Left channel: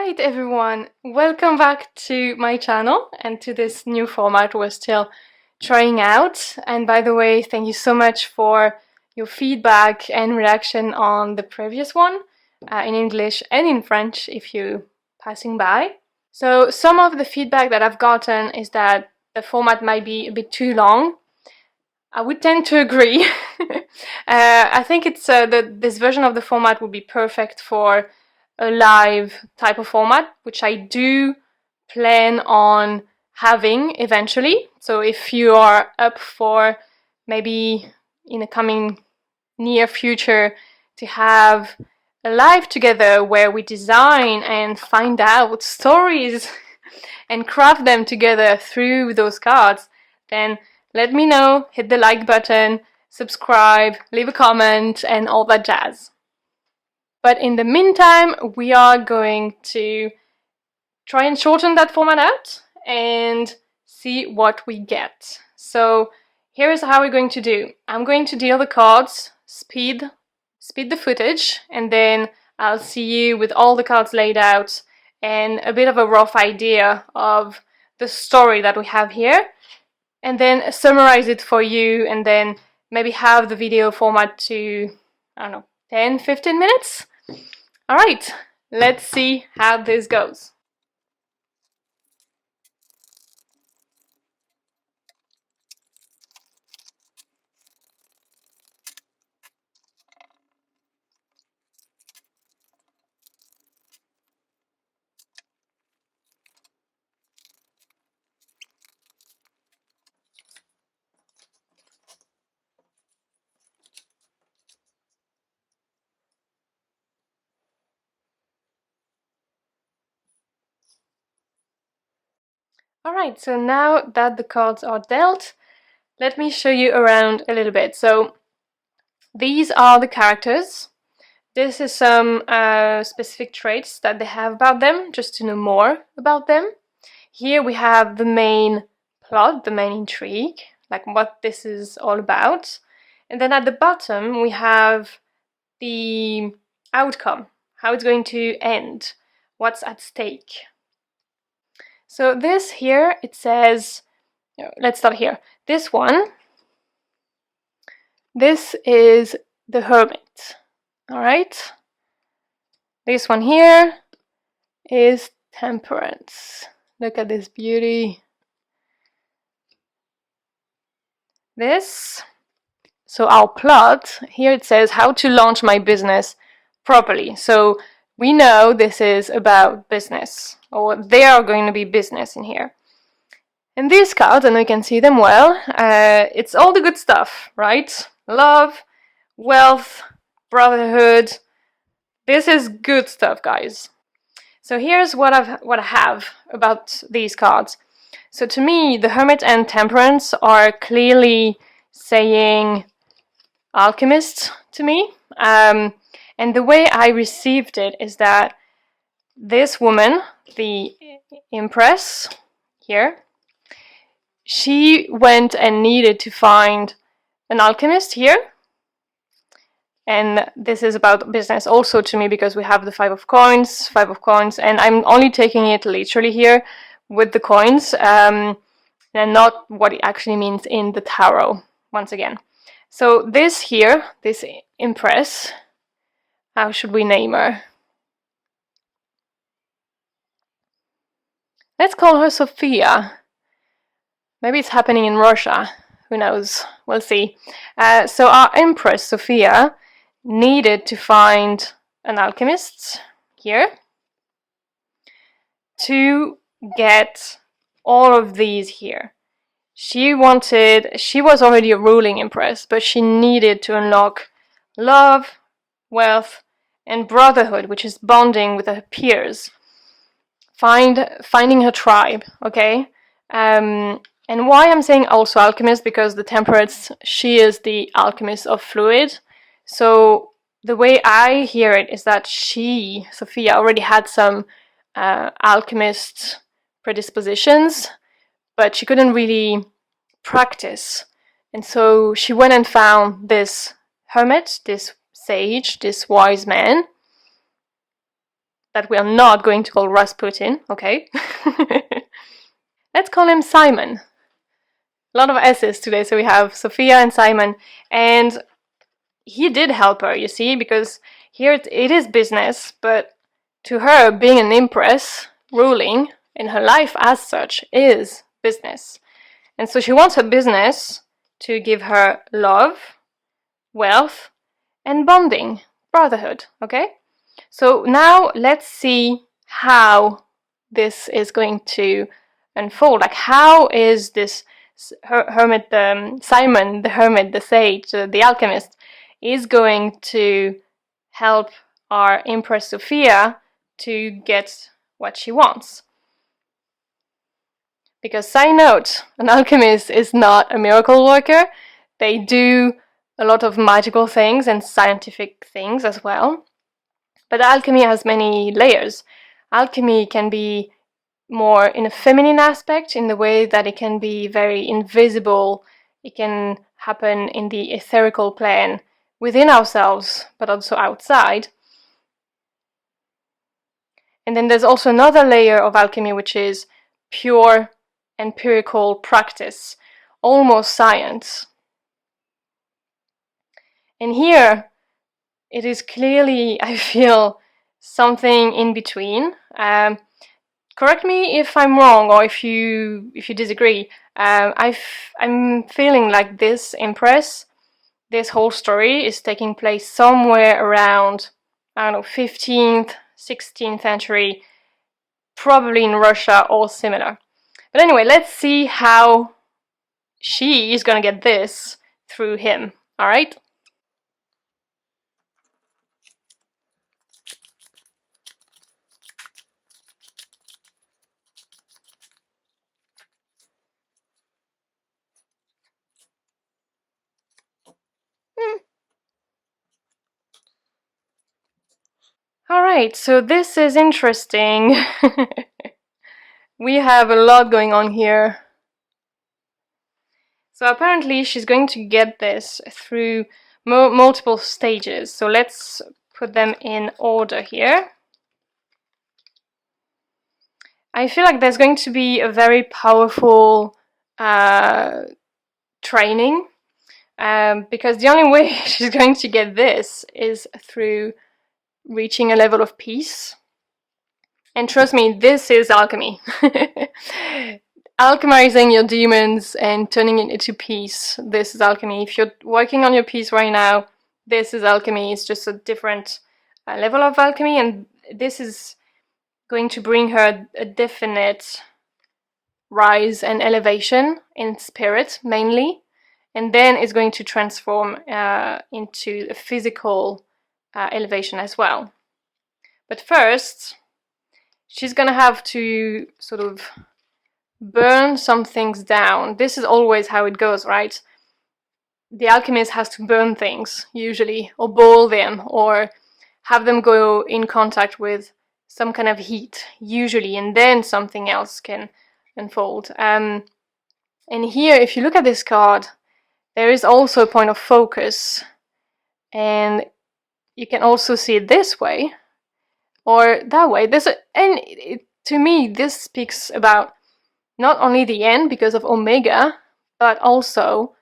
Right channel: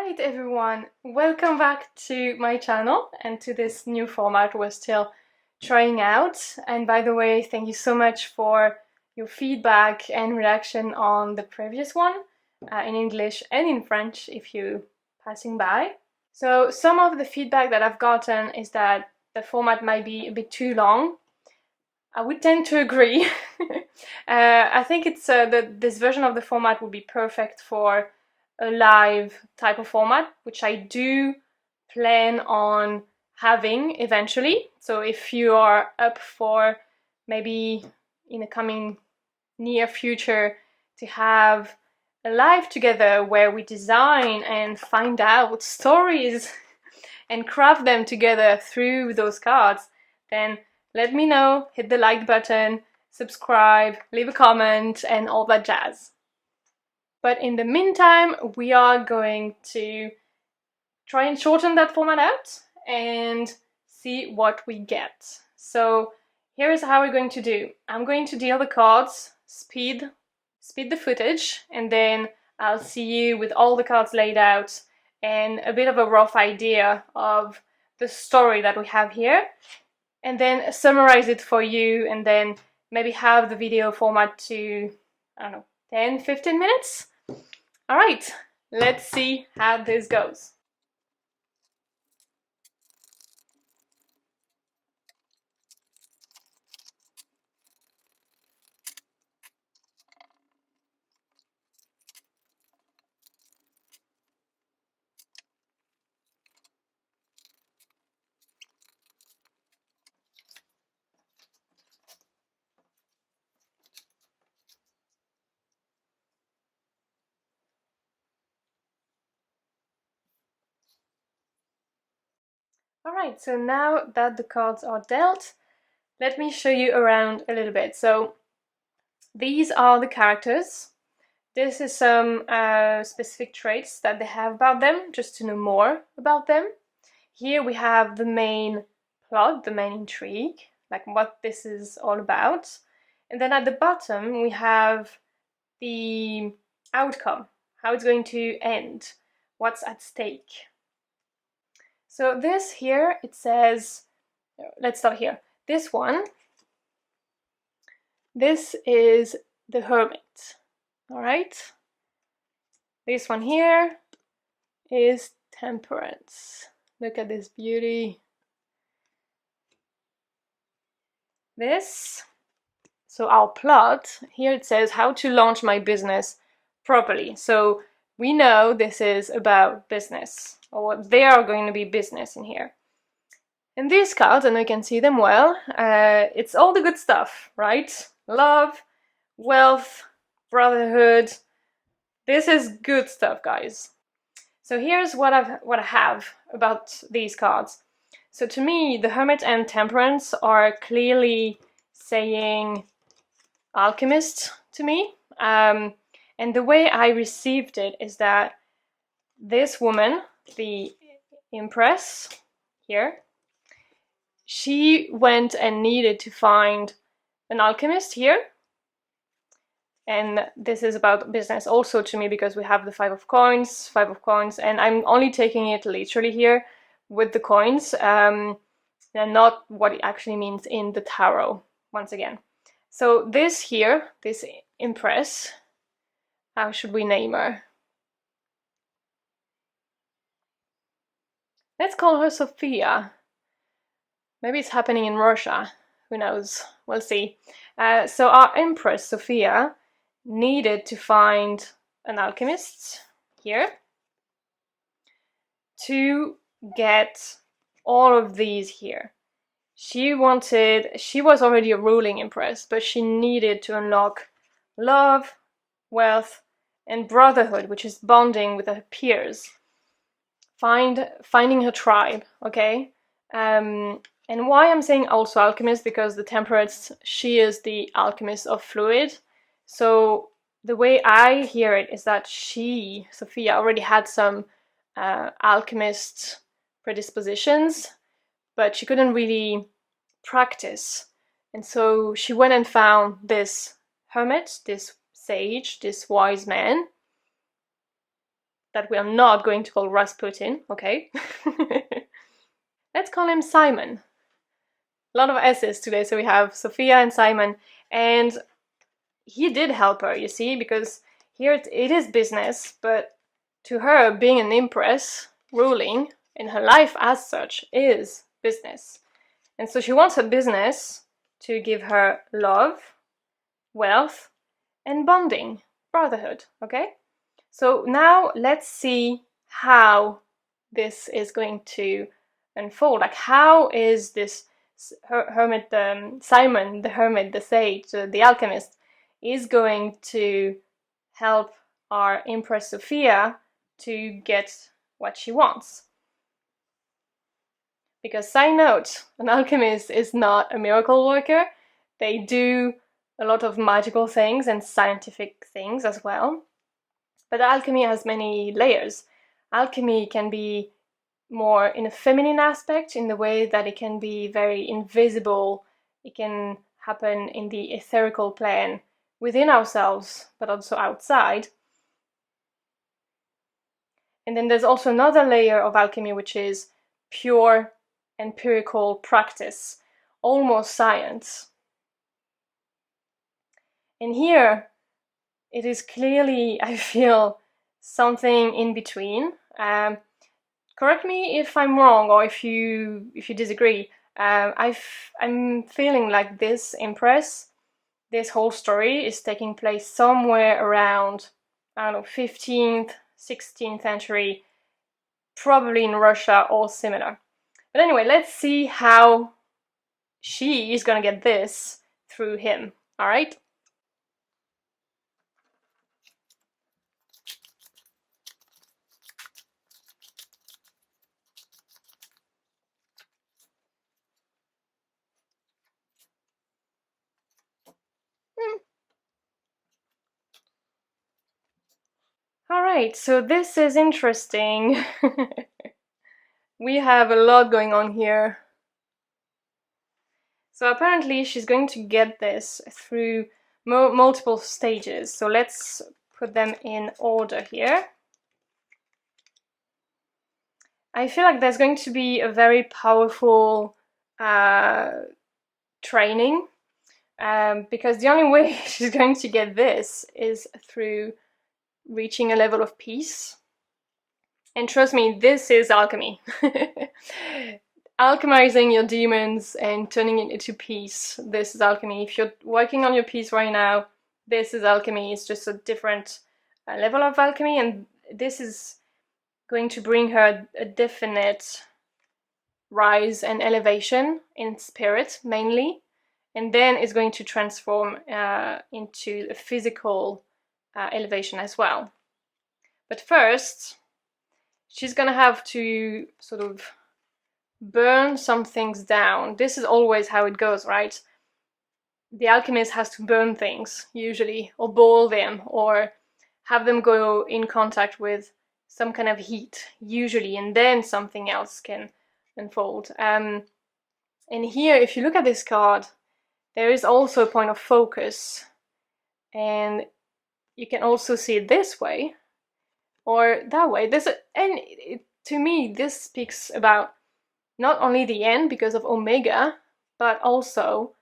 Alright everyone, welcome back to my channel and to this new format we're still trying out. And by the way, thank you so much for your feedback and reaction on the previous one, in English and in French if you're passing by. So some of the feedback that I've gotten is that the format might be a bit too long. I would tend to agree. I think it's this version of the format would be perfect for a live type of format, which I do plan on having eventually. So if you are up for maybe in the coming near future to have a live together where we design and find out stories and craft them together through those cards, then let me know, hit the like button, subscribe, leave a comment, and all that jazz. But in the meantime, we are going to try and shorten that format out and see what we get. So here's how we're going to do. I'm going to deal the cards, speed the footage, and then I'll see you with all the cards laid out and a bit of a rough idea of the story that we have here, and then summarize it for you, and then maybe have the video format to, I don't know, 10-15 minutes. Alright, let's see how this goes. Alright, so now that the cards are dealt, let me show you around a little bit. So these are the characters. This is some specific traits that they have about them, just to know more about them. Here we have the main plot, the main intrigue, like what this is all about. And then at the bottom we have the outcome, how it's going to end, what's at stake. So this here, it says, let's start here. This one, this is the Hermit, all right? This one here is Temperance. Look at this beauty. This, so our plot, here it says how to launch my business properly. So we know this is about business, or they are going to be business in here. And these cards, and you can see them well, it's all the good stuff, right? Love, wealth, brotherhood. This is good stuff, guys. So here's what I have about these cards. So to me, the Hermit and Temperance are clearly saying Alchemist to me. And the way I received it is that this woman, the Empress here, she went and needed to find an alchemist here. And this is about business also to me, because we have the Five of Coins, and I'm only taking it literally here with the coins, and not what it actually means in the tarot, once again. So this here, this Empress, how should we name her? Let's call her Sophia. Maybe it's happening in Russia, who knows, we'll see. So our Empress, Sophia, needed to find an alchemist here to get all of these here. She was already a ruling Empress, but she needed to unlock love, wealth, and brotherhood, which is bonding with her peers. Finding her tribe, okay? And why I'm saying also alchemist, because the Temperance, she is the alchemist of fluid. So the way I hear it is that she, Sophia, already had some alchemist predispositions, but she couldn't really practice. And so she went and found this hermit, this sage, this wise man, that we are not going to call Rasputin, okay? Let's call him Simon. A lot of S's today, so we have Sophia and Simon, and he did help her, you see, because here it is business, but to her, being an empress, ruling, in her life as such, is business. And so she wants her business to give her love, wealth, and bonding, brotherhood, okay? So now let's see how this is going to unfold. Like, how is this hermit, Simon, the hermit, the sage, the alchemist, is going to help our Empress Sophia to get what she wants? Because, side note, an alchemist is not a miracle worker. They do a lot of magical things and scientific things as well. But alchemy has many layers. Alchemy can be more in a feminine aspect, in the way that it can be very invisible. It can happen in the etherical plane within ourselves, but also outside. And then there's also another layer of alchemy, which is pure empirical practice, almost science. And here, it is clearly, I feel, something in between. Correct me if I'm wrong, or if you disagree. I'm feeling like this Empress, this whole story is taking place somewhere around, I don't know, 15th, 16th century, probably in Russia or similar. But anyway, let's see how she is gonna get this through him, alright? Alright, so this is interesting. We have a lot going on here. So apparently she's going to get this through multiple stages. So let's put them in order here. I feel like there's going to be a very powerful training, because the only way she's going to get this is through reaching a level of peace. And trust me, this is alchemy. Alchemizing your demons and turning it into peace. This is alchemy. If you're working on your peace right now, this is alchemy. It's just a different level of alchemy, and this is going to bring her a definite rise and elevation in spirit, mainly, and then it's going to transform into a physical elevation as well. But first, she's gonna have to sort of burn some things down. This is always how it goes, right? The alchemist has to burn things, usually, or boil them, or have them go in contact with some kind of heat, usually, and then something else can unfold. And here, if you look at this card, there is also a point of focus, and you can also see it this way, or that way. To me, this speaks about not only the end because of Omega, but also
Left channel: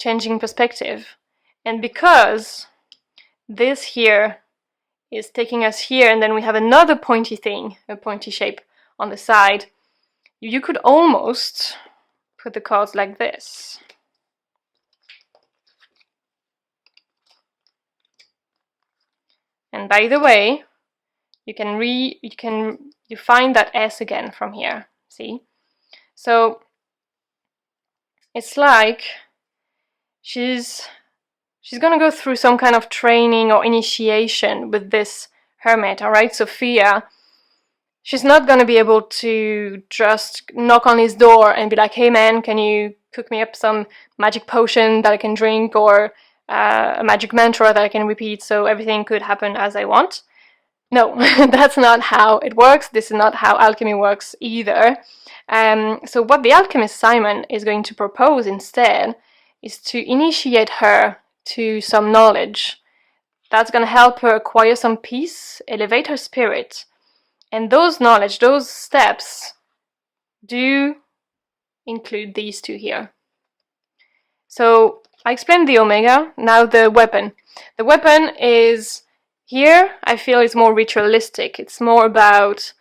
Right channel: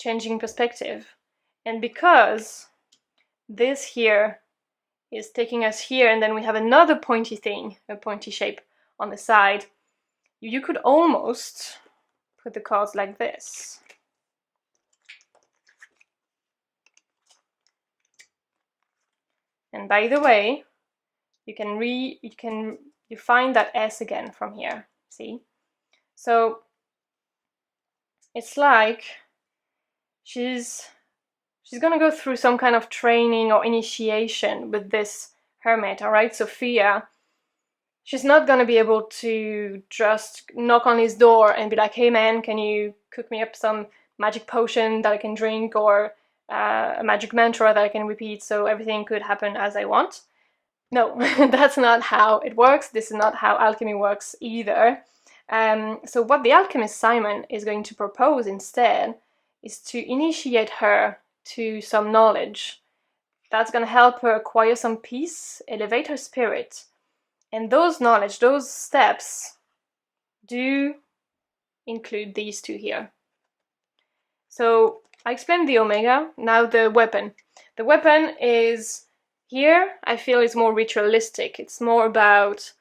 changing perspective. And because this here is taking us here, and then we have another pointy thing, a pointy shape on the side, you could almost put the cards like this. And by the way, you find that S again from here, see? So it's like she's gonna go through some kind of training or initiation with this hermit, alright? Sophia, she's not gonna be able to just knock on his door and be like, hey man, can you cook me up some magic potion that I can drink, or a magic mantra that I can repeat so everything could happen as I want. No, that's not how it works. This is not how alchemy works either. So what the alchemist Simon is going to propose instead is to initiate her to some knowledge That's going to help her acquire some peace, elevate her spirit. And those knowledge, those steps do include these two here. So I explained the Omega, now the weapon. The weapon is, here I feel it's more ritualistic. It's more about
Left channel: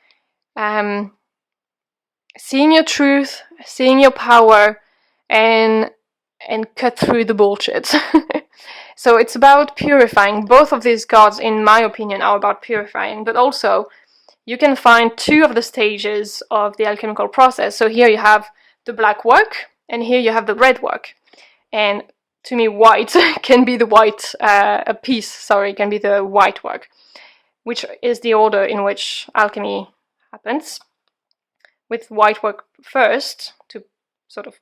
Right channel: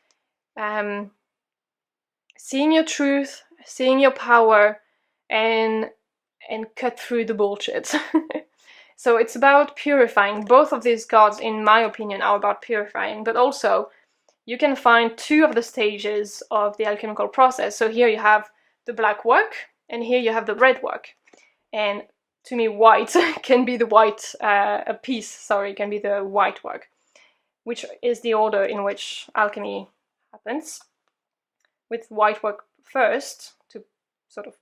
seeing your truth, seeing your power, and cut through the bullshit. So it's about purifying. Both of these cards, in my opinion, are about purifying, but also you can find two of the stages of the alchemical process. So here you have the black work, and here you have the red work. And to me, white can be the white, can be the white work, which is the order in which alchemy happens, with white work first, to sort of...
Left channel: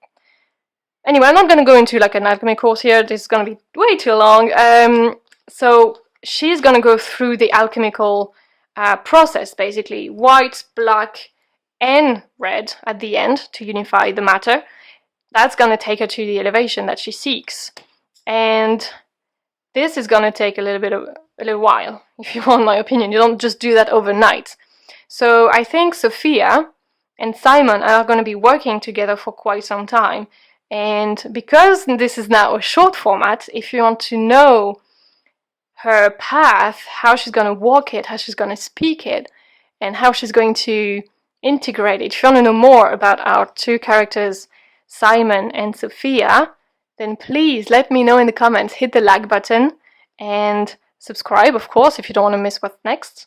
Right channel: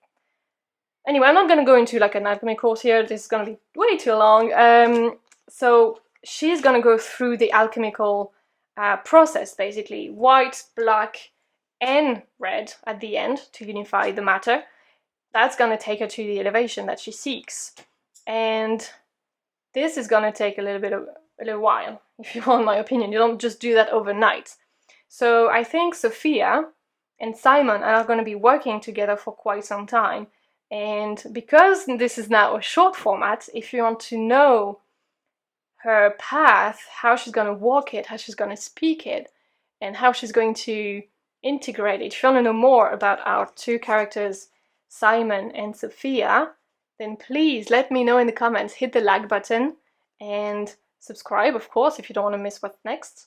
Anyway, I'm not going to go into like an alchemy course here, this is going to be way too long. So she's going to go through the alchemical process, basically, white, black, and red at the end to unify the matter. That's going to take her to the elevation that she seeks. And this is going to take a little while, if you want my opinion. You don't just do that overnight. So I think Sophia and Simon are going to be working together for quite some time. And because this is now a short format, if you want to know her path, how she's going to walk it, how she's going to speak it, and how she's going to integrate it, if you want to know more about our two characters, Simon and Sophia, then please let me know in the comments. Hit the like button and subscribe, of course, if you don't want to miss what's next.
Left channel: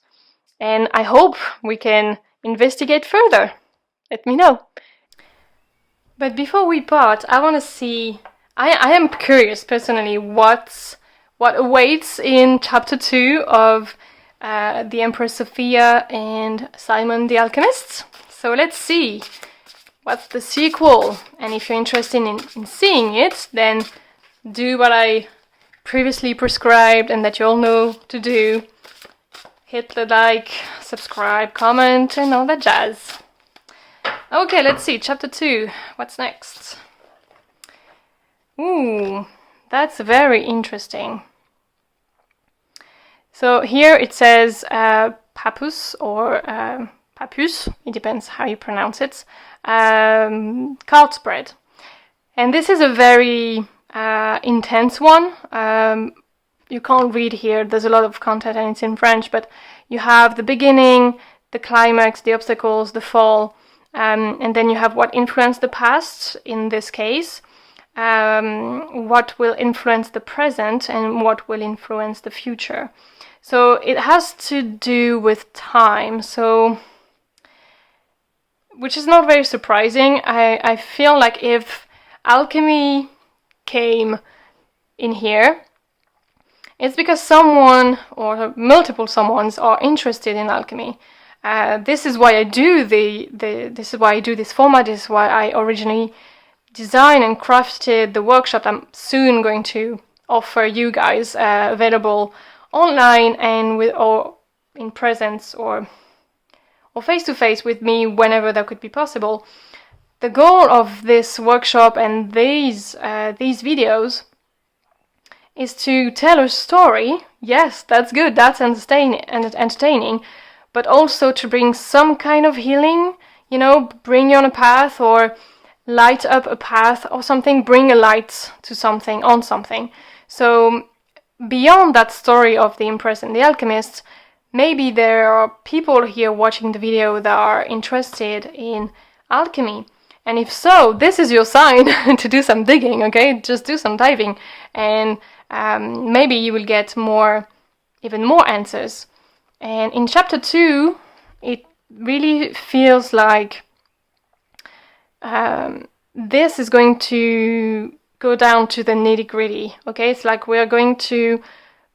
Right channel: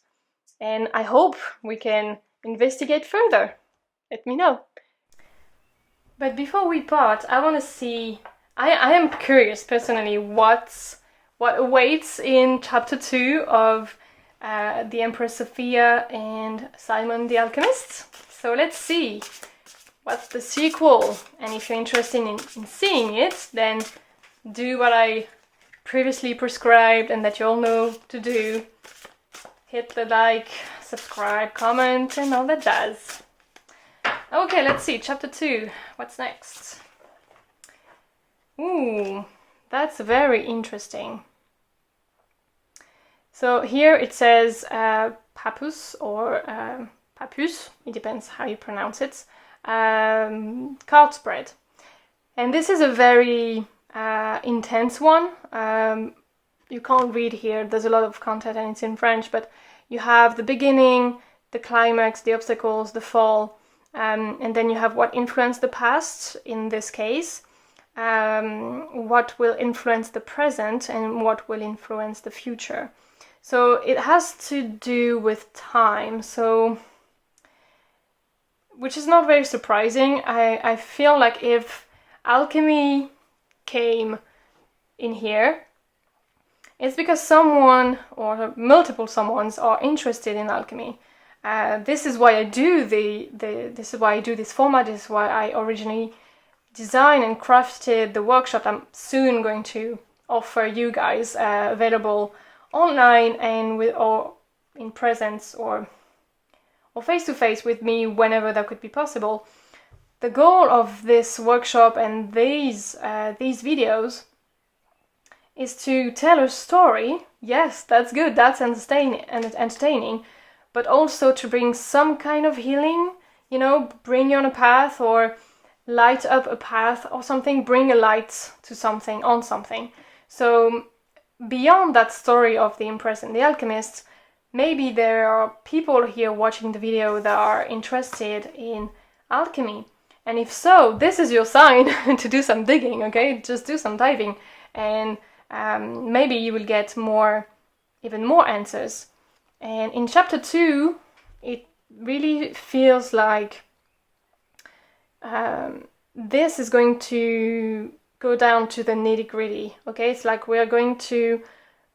And I hope we can investigate further. Let me know. But before we part, I want to see... I am curious, personally, what awaits in chapter 2 of the Empress Sophia and Simon the Alchemist. So let's see what's the sequel. And if you're interested in seeing it, then do what I previously prescribed and that you all know to do. Hit the like, subscribe, comment, and all that jazz. Okay, let's see, chapter 2, what's next? Ooh, that's very interesting. So here it says papus or papus, it depends how you pronounce it, card spread. And this is a very intense one. You can't read here, there's a lot of content and it's in French, but you have the beginning, the climax, the obstacles, the fall, and then you have what influenced the past in this case, what will influence the present, and what will influence the future. So it has to do with time, so which is not very surprising. I feel like if alchemy came in here, it's because someone or multiple someones are interested in alchemy. This is why I do this is why I do this format. This is why I originally designed and crafted the workshop I'm soon going to offer you guys, available online and with or in presence or face to face with me whenever that could be possible. The goal of this workshop and these videos is to tell a story. Yes, that's good, that's entertaining, but also to bring some kind of healing, you know, bring you on a path or light up a path or something, bring a light to something, on something. So beyond that story of the Empress and the Alchemist, maybe there are people here watching the video that are interested in alchemy. And if so, this is your sign to do some digging, okay? Just do some diving and maybe you will get even more answers. And in chapter 2, it really feels like this is going to go down to the nitty-gritty, okay? It's like we're going to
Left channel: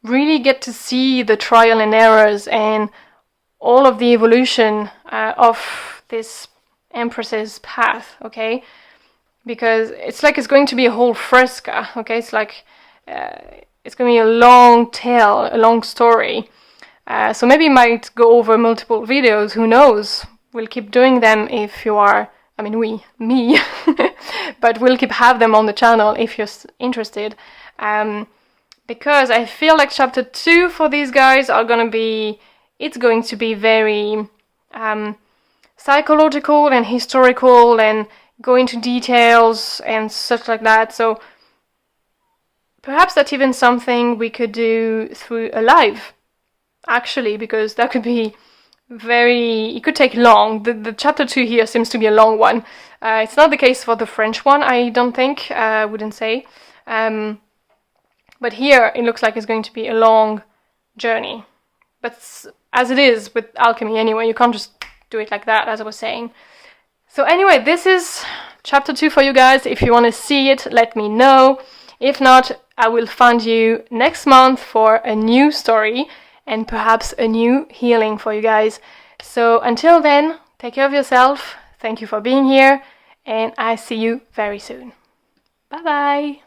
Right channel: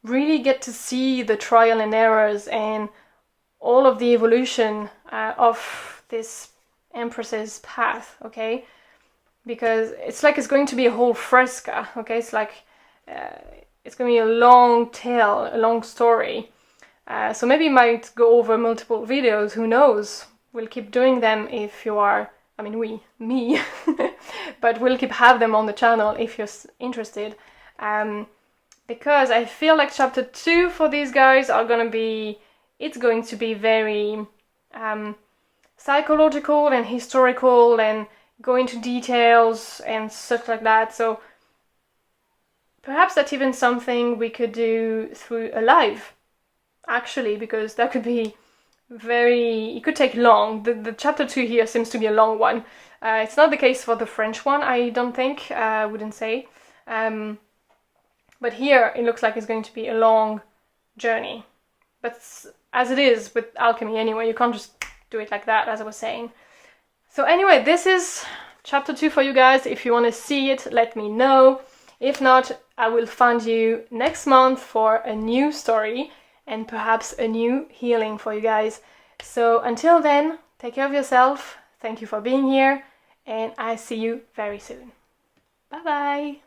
really get to see the trial and errors and all of the evolution of this Empress's path, okay? Because it's like it's going to be a whole fresca, okay? It's like it's going to be a long tale, a long story. So maybe you might go over multiple videos, who knows? We'll keep doing them if you are, I mean me, but we'll have them on the channel if you're interested. because I feel like chapter 2 for these guys it's going to be very psychological and historical and go into details and such like that. So perhaps that's even something we could do through a live, actually, because that could be it could take long. The chapter 2 here seems to be a long one. It's not the case for the French one, I don't think, I wouldn't say. But here it looks like it's going to be a long journey. But as it is with alchemy anyway, you can't just do it like that, as I was saying. So anyway, this is chapter 2 for you guys. If you want to see it, let me know. If not, I will find you next month for a new story and perhaps a new healing for you guys. So until then, take care of yourself. Thank you for being here, and I see you very soon. Bye bye.